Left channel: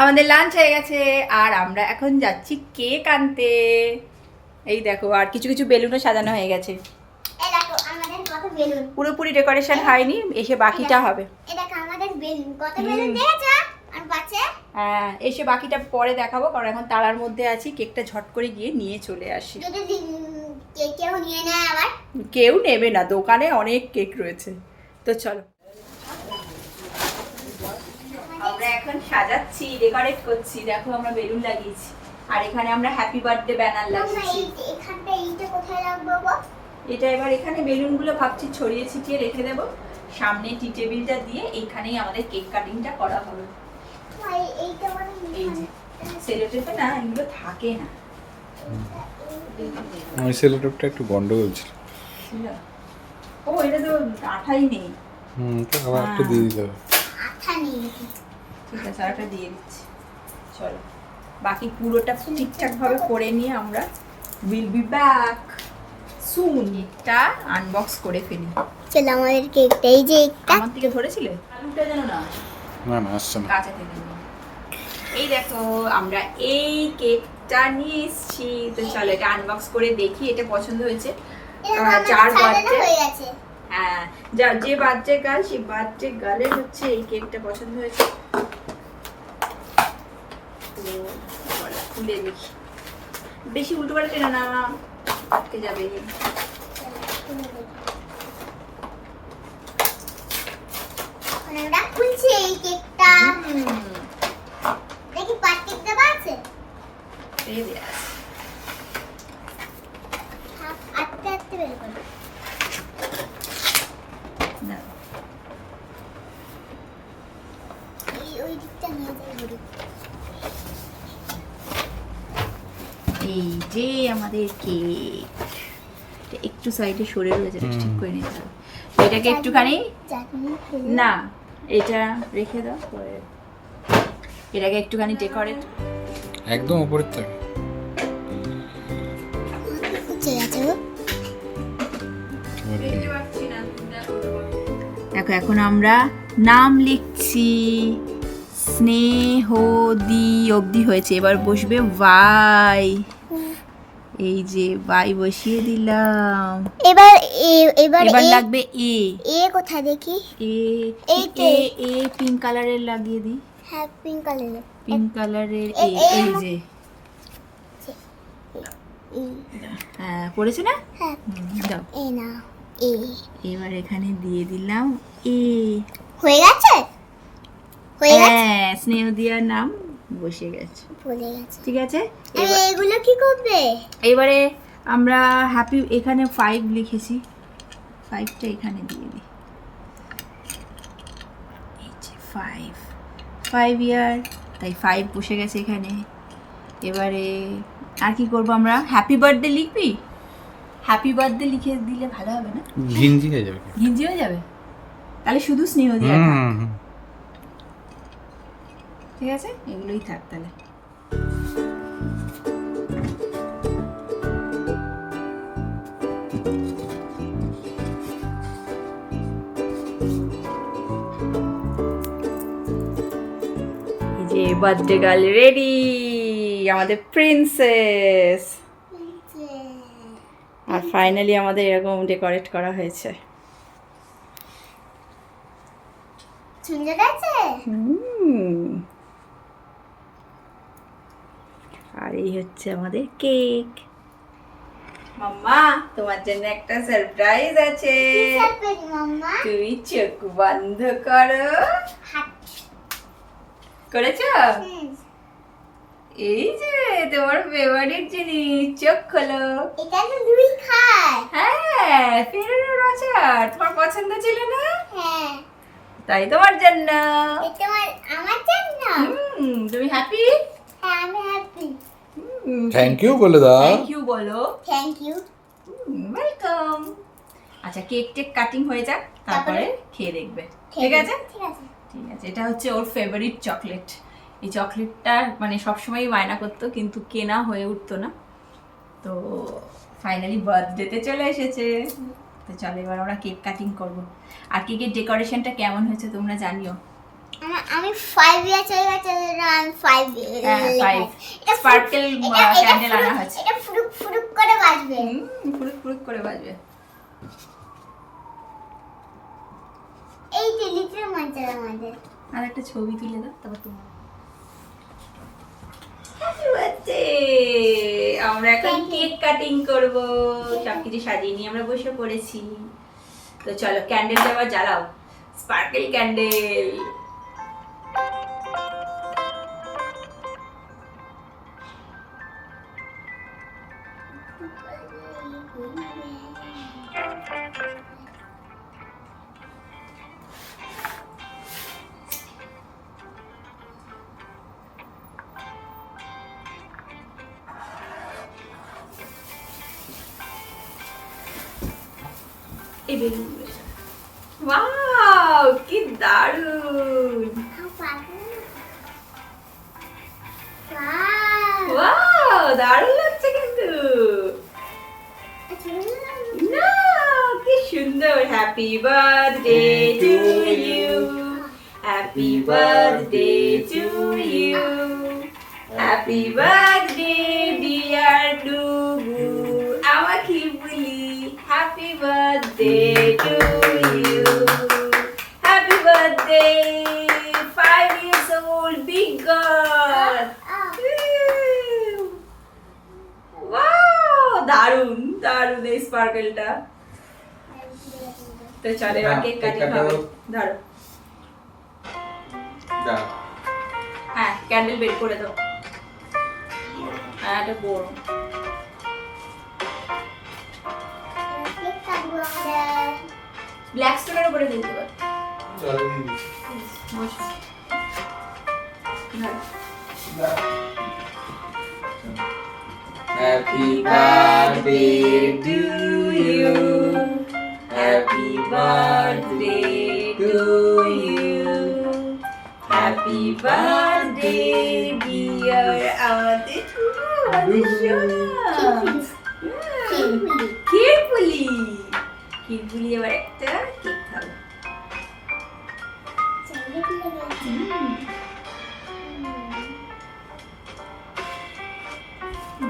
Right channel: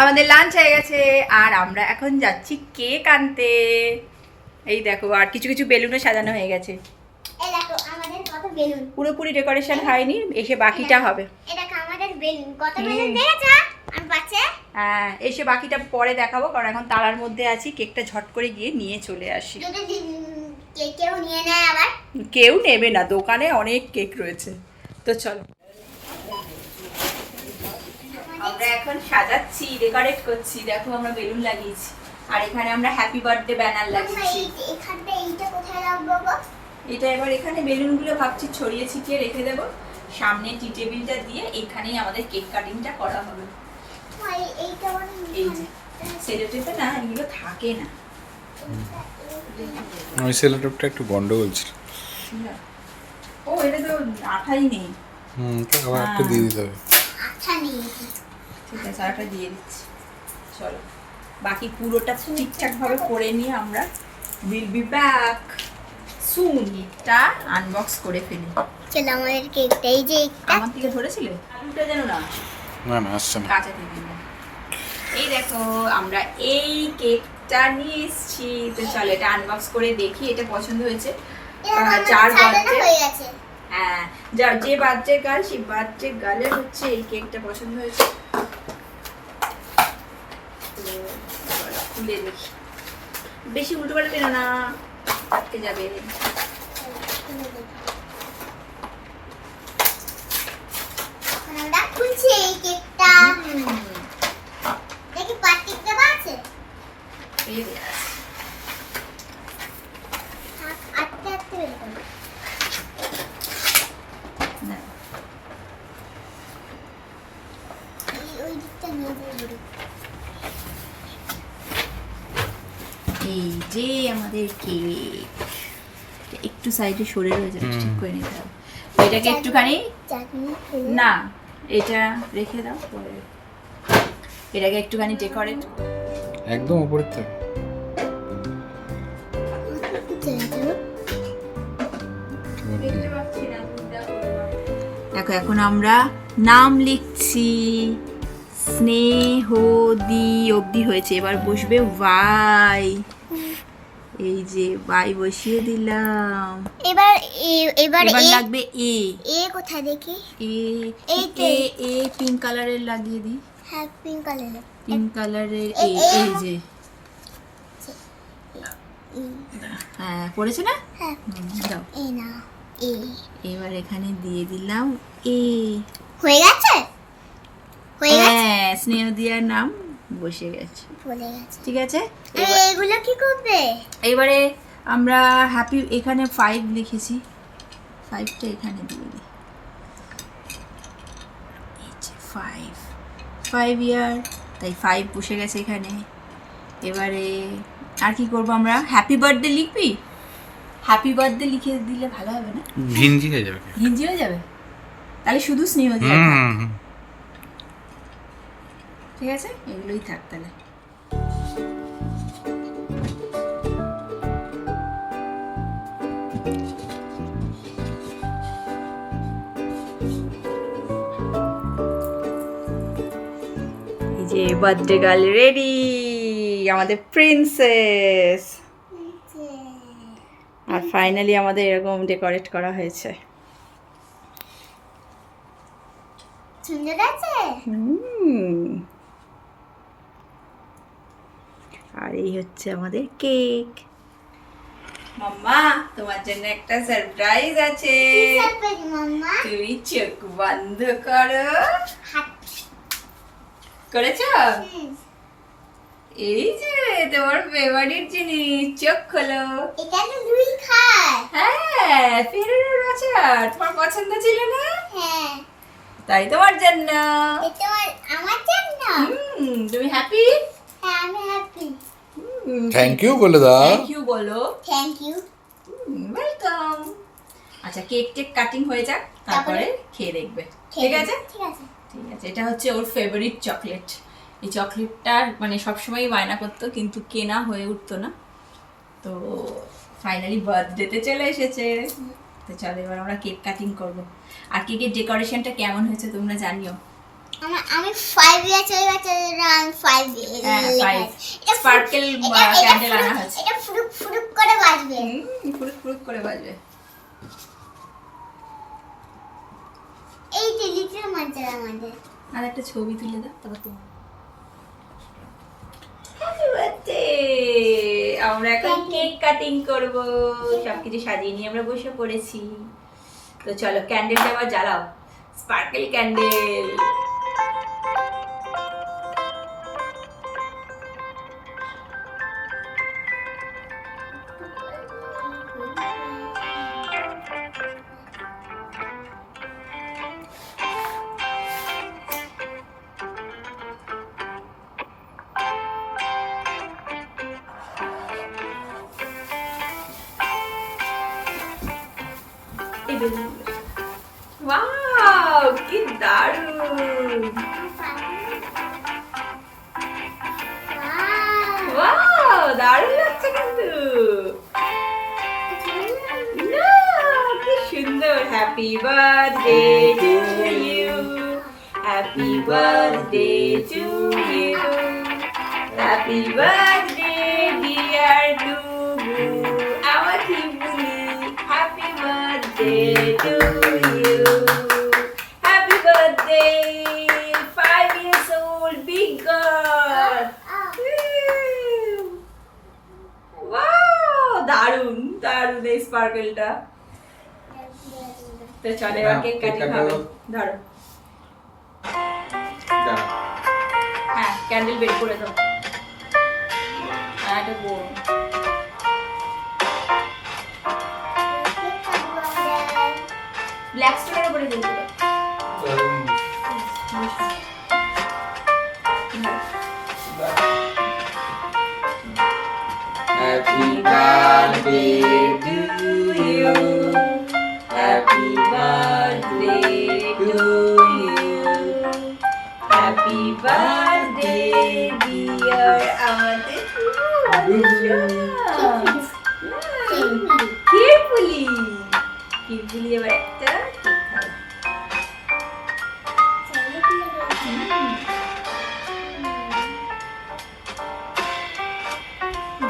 আমাদের লাঞ্চ হয়ে গেছে আর আমরা এখন যাচ্ছি কেক আনতে। এই দেখো আর কিছু কিছু বেলুনও সাজানো হয়ে গেছে। এই দেখো আমাদের কত বেলুন। পুরোপুরি ডেকোরেশন হয়নি, এসে বাকিটা হবে। এই দেখো আমাদের বেলুন কত বেলুন দেখেছো? আর বাচ্চা? হ্যাঁ, এসে বাকিটা পরে দেখাবো, কারণ এখন তাড়ার মধ্যে আছি। কেকটা ঝট করে গিয়ে নিয়ে চলে আসি। যদি কেউ নিয়ে নেয় আবার? কেউ নেবে না, দোকানে অনেক কেক রয়েছে। তো চলো, আমরা এখন সাজাচ্ছি, ডেকোরেট করছি। দেখো আমরা বেলুন লাগিয়েছি আর এখানে আমরা হ্যাপি বার্থডে ব্যানার লাগিয়েছি। এখানটা এইটা কোথায় রাখবো গো? এটা এবার এখানে বেলুনগুলো ভাবছি ছড়িয়ে ছিটিয়ে রেখে দেবো। সামনে টি টেবিলটা দিয়ে এখানেই আমাদের কেক কাটিংটা করা হবে। ভাই এইটা মানে এই যে সেলোটেপে না, এগুলো থাকে না। ওই সেলোটেপটা একটু গন্ডগোল ছিল। ও, এটা তো আঠাই নেই। তো আবার একটু দিয়ে দিতে হবে। আঠা নেই। ঠিক আছে, আর একটা দিয়ে দিচ্ছি। চলো, বাকি পুরোটা ঠিকঠাক ভাবে করে নিয়ে আমরা উইল বি ব্যাক সুন। এটা আনবক্স করে ফেলি। চলো আমাদের কেকটা এই যে একটা আমার থেকে ধরেছিলে, আলুটা যেন না আসে। না না, আসছে না। কাঁচা কেক দিবো। এই দেখো আমরা এই কেকটা নিয়ে এসেছি। তো চলো এটা আনবক্স করে দেখি। এটা পছন্দ হয়েছে যার বার্থডে হয়ে গেছে। হ্যাঁ, যার যে বার্থডে গার্ল, সেই বার্থডে গার্লের হচ্ছে এই কেকটা পছন্দ হয়েছে। তো চলো খুলে দেখি। বেশি উল্টো পাল্টে টেনো না, আটকে যাবে। আমরা খুলছি এই কেকটা। দেখি পার্টিক দেওয়া আছে? এই যে আছে। আটতে আটতে বের করো। না, ওই দিকটা নিয়ে যাবো। এই যে আমাদের কেক। একটু সাইডে সরে রয়েছে, ঠিক করে নিতে হবে। এটাকে একটুখানি চাটনি না, এটা রেখে দাও পরে। এটাকে একটুখানি ডেকোরেট একদম উপরের থাকে। দেখো এখন আমরা নাম লিখছি। স্নেহদি অবধি হয়েছে, এবার বসবে ওয়াই। এই যে ওয়াই বসিয়ে দিলাম। এবার এবার লাগবে এ। এ কোথায় দেখি? এ এ পিঙ্ক কালারের লাগিয়ে দিই। হ্যাঁ পিঙ্ক কালারের। পিঙ্ক কালারের এ। এই যে হ্যাঁ, পড়েছে না? হ্যাঁ দাও। এ না এ। এবার এখানে দিয়ে দিলাম এ। হয়ে গেছে? হয়ে গেছে? হ্যাঁ, স্নেহদিয়ার নাম বসে গেছে। ভুলে গেছে। ঠিক আছে, এগুলো কি করবে? এবারে আমরা হ্যাপি, এখানে 5 লিখেছি, 5টা এখানে দিয়ে দিই। এই যে 5 ইয়ার, তাই 5 বসে গেছে এখানে। এবারে আর কি করব আমরা? হ্যাপি বার্থডে লিখবি? হ্যাপি বার্থডে লিখে দিলে ভালো হবে না? ঘিঞ্জি হয়ে যাবে। হিন্দি হয়ে যাবে, তাহলে শুধু স্নেহদিয়া থাক। ঠিক আছে, এগুলোই থাক তাহলে। এই যে বার্থডে গার্ল রেডি, আমাদের প্রিন্সেস। আর ফাইনালি আমাদের এরকম ডেকোরেট করা হয়েছে। সুন্দর আছে? আর এই হচ্ছে আমাদের কেক। মাম্মা, তোমার জন্য একটা সারপ্রাইজ আছে। মাম্মা তুমি চোখ বন্ধ করো। করেছো? এই যে তোমার ফেভারিট জিনিস, চোখ খোলো। এটা তো দুই খায়। হ্যাঁ, ফেরানোর আচার তোমার পছন্দ ছিল না? হ্যাঁ তাই তোমার জন্য। এটা আমার জন্য। তুমি হ্যাপি? হ্যাঁ আমি হ্যাপি। থ্যাংক ইউ বলে দাও। থ্যাংক ইউ বলো। Thank you. ওয়েলকাম। আচ্ছা, কেক টেক কাটিং হয়ে যাক, তারপরে খেয়ে দেখবে। ঠিক আছে? ঠিক আছে। ঠিক আছে, এটা হচ্ছে ওর ফেভারিট চকলেট। এই চকলেটটা মানে সবসময়ই বায়না করতো, কিন্তু কেনা হয়ে উঠতো না। তো ফাইনালি বার্থডেতে চলে এসেছে। তো চলো এবার আমরা কেক কাটিং করব। আর কেকের ডেকোরেশনটা কেমন হয়েছে তোমরা জানিও। আমি 5 ইয়ার্স হয়ে গেছে, আমি 5 হ্যাঁ 5 স্পার্কেল ক্যান্ডেল আনা হয়েছে। এটা ফুরুক ফুরুক করে বাজবে। ফুরুক ফুরুক করে বাজবে। এই টেলিতে মজা আমাদের। আর একটা ছবি তুলে দাও তারপর তোমার। Happy birthday. আমরা এখন কেক কাটিং করব। সবকিছু সাজিয়ে নিয়ে আমরা বসে পড়েছি। তো চলো ক্যান্ডেলটা আবার জ্বালাও, স্পার্কেল ক্যান্ডেল। ওয়াও কি দারুণ! ওয়াও দারুণ লাগছে কিন্তু। না কি সুন্দর। Happy birthday to you, happy birthday to you, happy birthday dear Tubu. আমার কি বলি, happy birthday to you, happy birthday 5 years old big girl. Wow দারুণ দারুণ এই স্পার্কেলটা। তো চলে এবার কেক কাটিং হবে। ধরো হ্যাঁ ক্যান্ডেল বের করে দাও। আর একটা বড় ব্ল্যাক স্টোনের উপরে দিতে পারো। Happy birthday to you, Happy birthday to you, Happy birthday dear আমাদের কেরফুলি কেরফুলি এবার একটা কেক খাবো।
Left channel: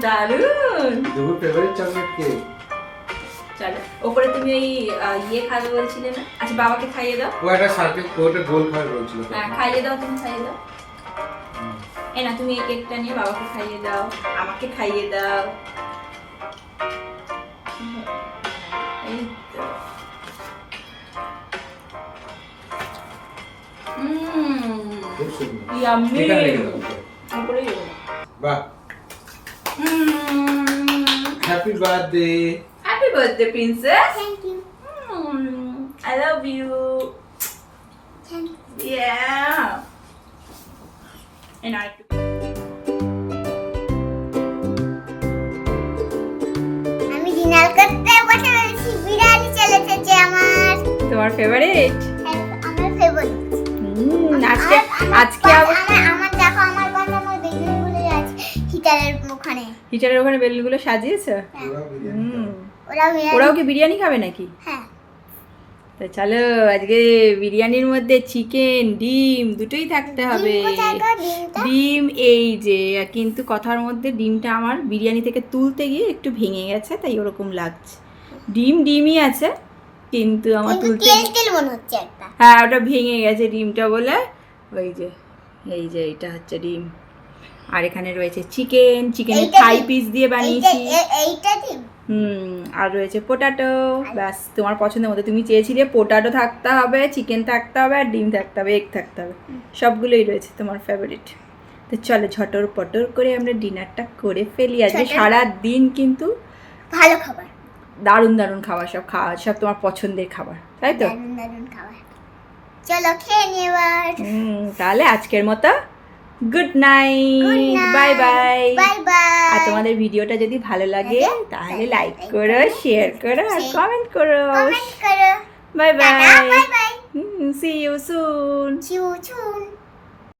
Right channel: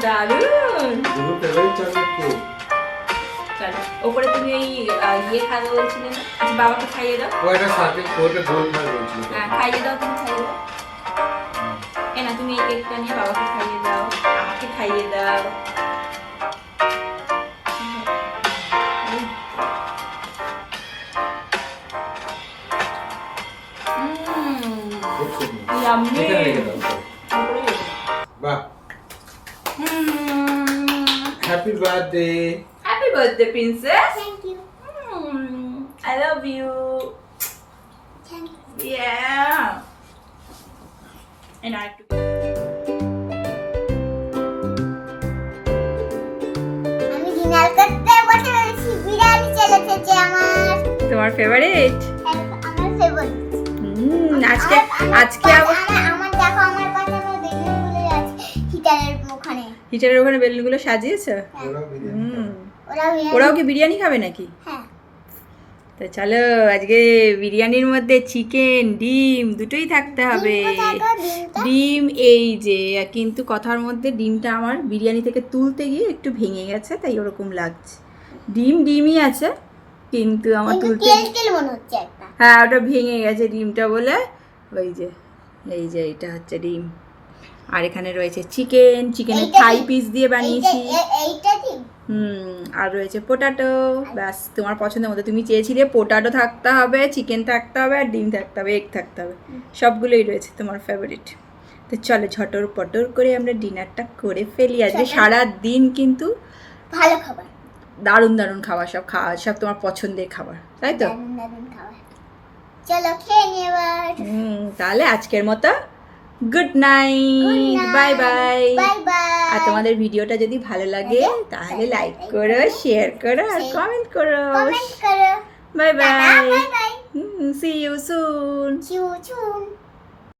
দারুণ। দুটো ফেভারিট চকলেট কেক। চলো ওপরে তুমি ওই ইয়ে খাবে বলছিলে না? আচ্ছা বাবাকে খাইয়ে দাও। ও একটা সার্কেল ওটা গোল খাবে বলছিল। হ্যাঁ খাইয়ে দাও, তুমি খাইয়ে দাও। এ না তুমি এই কেকটা নিয়ে বাবাকে খাইয়ে দাও, আমাকে খাইয়ে দাও। ইয়াম্মি। ওপরে যাবো। বাহ। Happy birthday. Happy birthday princess. Thank you. I love you. Thank you. Yeah. And I আমি ডিনার করতে বসে রয়েছি, বিরিয়ানি চলে এসেছে আমার। তোমার ফেভারিট? আমার ফেভারিট। আজকে আজকে আমার দেখো আমার পাশে আমার বেলুনগুলো আছে হিটারের ওখানে। হিটারের ওখানে বেলুনগুলো সাজিয়েছো? ওরা ওরাও কি বিরিয়ানি খাবে নাকি? হ্যাঁ। তো চলো আজকে বিরিয়ানির মধ্যে চিকেন ডিম দুটোই থাকতে হবে। ডিম এই যে, কিন্তু কথার মধ্যে ডিমটা আমার বিরিয়ানি থেকে তুলতে গিয়ে একটু ভেঙে গেছে, তাই ওরকম লাগছে। ডিমই আছে কিন্তু আমার তুলতে তেল মনে হচ্ছে একটা। হ্যাঁ ওটা ভেঙে গেছে ডিমটা বলে। ওই যে এই যে এটা হচ্ছে ডিম, আর এখানে রয়েছে চিকেনের থাই পিস দিয়ে বানিয়েছি। এইটা ডিম। আর রয়েছে পোটাটো। ব্যাস তোমার পছন্দের মতো, তুমি চেয়েছিলে পোটাটো থাকতে হবে, চিকেন থাকতে হবে, আর ডিম থাকতে হবে, এগ থাকতে হবে, সবগুলোই রয়েছে তোমার ফেভারিট। তো চলো ঝটর পটর করে আমরা ডিনারটা করে ফেলি। আজকে সারা দিন কিন্তু ভালো খাবার, দারুণ দারুণ খাবার, সব তোমার পছন্দের খাবার, তাই তো? দারুণ খাবার। চলো খেয়ে নিই এবার। তাহলে আজকের মতো good night, bye bye. Bye bye. আর তোমাদের ভিডিওটা যদি ভালো লাগে তাহলে লাইক করো, শেয়ার করো, আর কমেন্ট করো। কমেন্ট করো। Bye bye. Bye bye. See you soon. See you soon.